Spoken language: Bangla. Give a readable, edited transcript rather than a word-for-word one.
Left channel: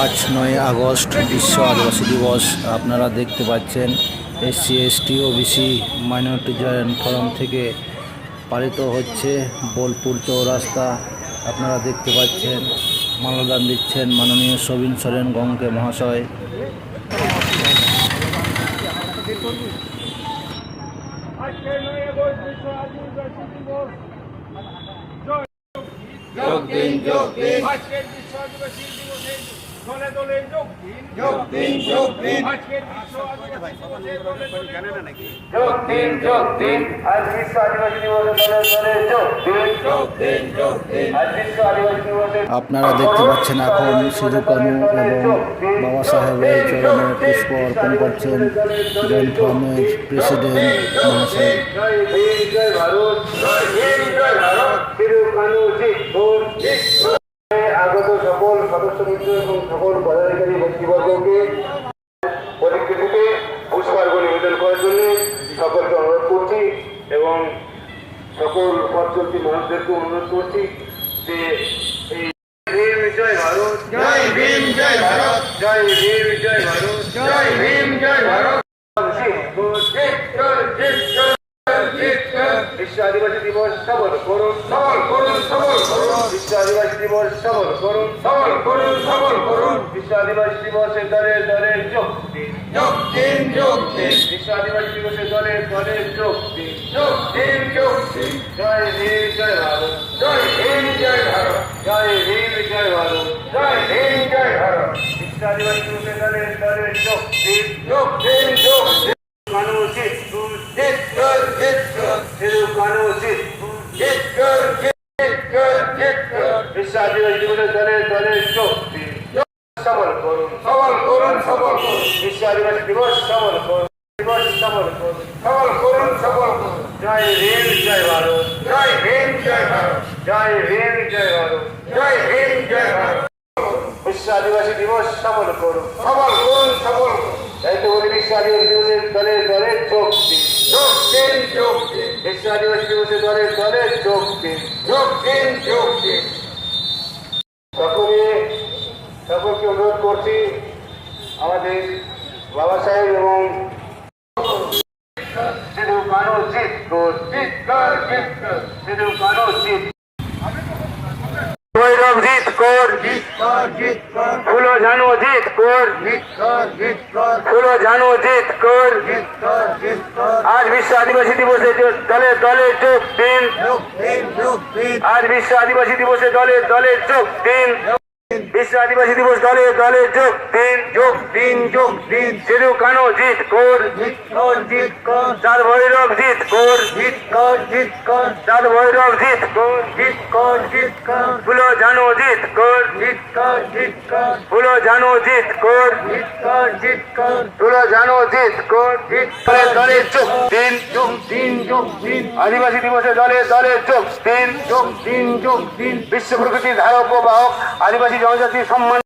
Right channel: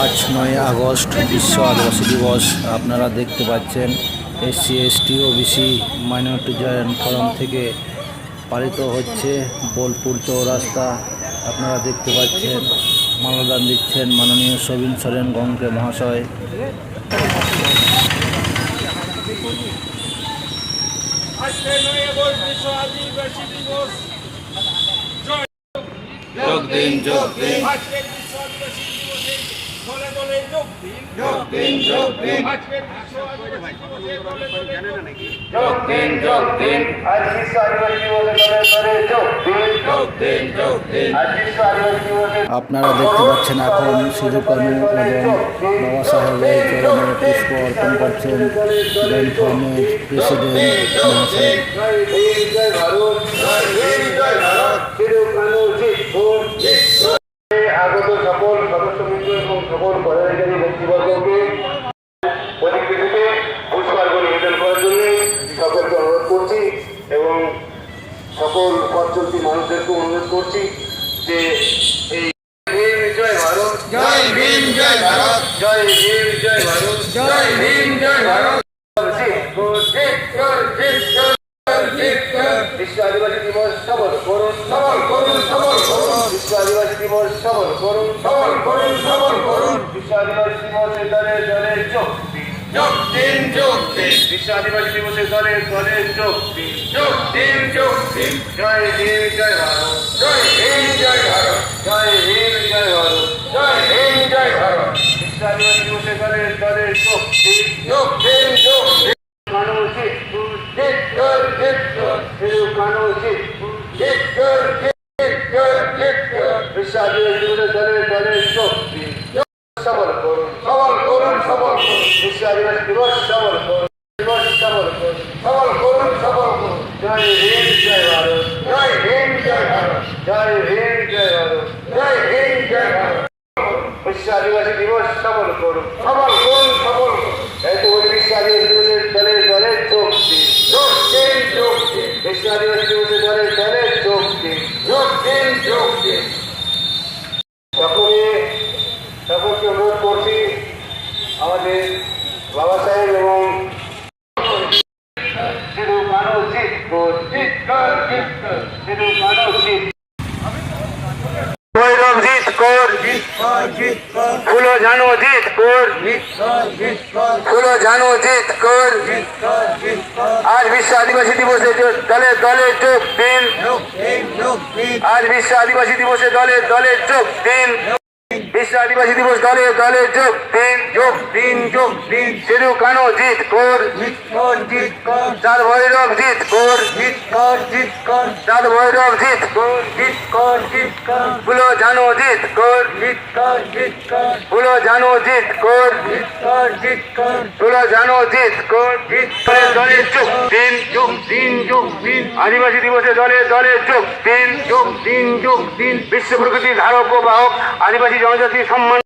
আজ 9 আগস্ট বিশ্ব আদিবাসী দিবস। আপনারা দেখতে পাচ্ছেন SC ST OBC minority joint forum থেকে পালিত হচ্ছে বোলপুর চৌরাস্তা। আপনারা দেখতে পাচ্ছেন মাল্যদান দিচ্ছেন মাননীয় সবিন সোরেন গংকে মহাশয়। যোগ দিন যোগ দিন আজকের বিশ্ব আদিবাসী দিবসে দলে দলে যোগ দিন যোগ দিন যোগ দিন আজকের বিশ্ব আদিবাসী দিবসে দলে দলে যোগ দিন যোগ দিন আজ বিশ্ব আদিবাসী দিবসে দলে দলে যোগ দিন যোগ দিন যোগ দিন। আজ বিশ্ব আদিবাসী দিবসে আপনারা দেখতে পাচ্ছেন এখন সিধু কানু এবং বাবা সাহেবের চরণে পুষ্প অর্পণ করছেন জয়েন্ট ফোরামের প্রেসিডেন্ট মহাশয়। জয় ভীম জয় ভারত জয় ভীম জয় ভারত সিধু কানু আগত সকল সদস্যবৃন্দ এবং সকল পদাধিকারী ব্যক্তিবর্গকে পরিপ্রেক্ষিতে পুষ্পার্ঘ্য নিবেদন করার জন্য সকলকে অনুরোধ করছি এবং সকল পথ চলতি মানুষদেরকে অনুরোধ করছি যে এই ভীম জয় ভারত জয় ভীম জয় ভারত জয় ভীম জয় ভারত জয় ভীম জয় ভারত বিশ্ব আদিবাসী দিবস সফল করুন সবল করুন সবল করুন বিশ্ব আদিবাসী দিবস সফল করুন সবল করুন সবল করুন বিশ্ব আদিবাসী দিবসে দলে দলে যোগ দিন যোগ দিন যোগ দিন বিশ্ব আদিবাসী দিবসে দলে দলে যোগ দিন যোগ দিন যোগ দিন জয় ভীম জয় ভারত জয় ভীম জয় ভারত জয় ভীম জয় ভারত জয় ভীম জয় ভারত বিশ্ব আদিবাসী দিবসে দলে দলে যোগ দিন যোগ দিন যোগ দিন মানুষিক জিত কর জিত কর সিধু মানুষিক জিত কর জিত কর জিত কর বিশ্ব আদিবাসী দিবসে দলে দলে যোগ দিন সফল করুন সবল করুন সবল করুন বিশ্ব আদিবাসী দিবস সফল করুন দিবস সফল করুন সবল করুন সবল করুন জয় ভীম জয় ভারত জয় ভীম জয় ভারত জয় ভীম জয় ভারত জয় ভীম জয় ভারত বিশ্ব আদিবাসী দিবস সফল করুন সবল করুন সবল করুন এই তো বলি বিশ্ব আদিবাসী দিবসের দলে দলে যোগ দিন যোগ দিন যোগ দিন বিশ্ব আদিবাসী দিবসের দলে দলে যোগ দিন যোগ দিন যোগ দিন সকলকে অনুরোধ করছি আমাদের বাবা সাহেব এবং সিধু কানু জিত কর জিত কর জিত কর সিধু কানু জিত ভৈরব জিত কর জিত কর জিত কর ফুলো জানো জিত কর জিত কর জিত কর ফুলো জানো জিত কর জিত কর জিত কর আজ বিশ্ব আদিবাসী দিবসে দলে দলে যোগ দিন যোগ দিন যোগ দিন আজ বিশ্ব আদিবাসী দিবসে দলে দলে যোগ দিন বিশ্ব আদিবাসী দিবস দলে দলে যোগ দিন যোগ দিন যোগ দিন সিধু কানু জিত কর জিত কর জিত কর চাঁদ ভৈরব জিত কর জিত কর জিত কর চাঁদ ভৈরব জিত কর জিত কর জিত কর ফুলো জানো জিত কর জিত কর জিত কর ফুলো জানো জিত কর জিত কর জিত কর ফুলো জানো জিত কর জিত দলে দলে যোগ দিন যোগ দিন যোগ দিন আদিবাসী দিবসে দলে দলে যোগ দিন যোগ দিন যোগ দিন বিশ্ব প্রকৃতির ধারক ও বাহক আদিবাসী জনজাতি সম্মান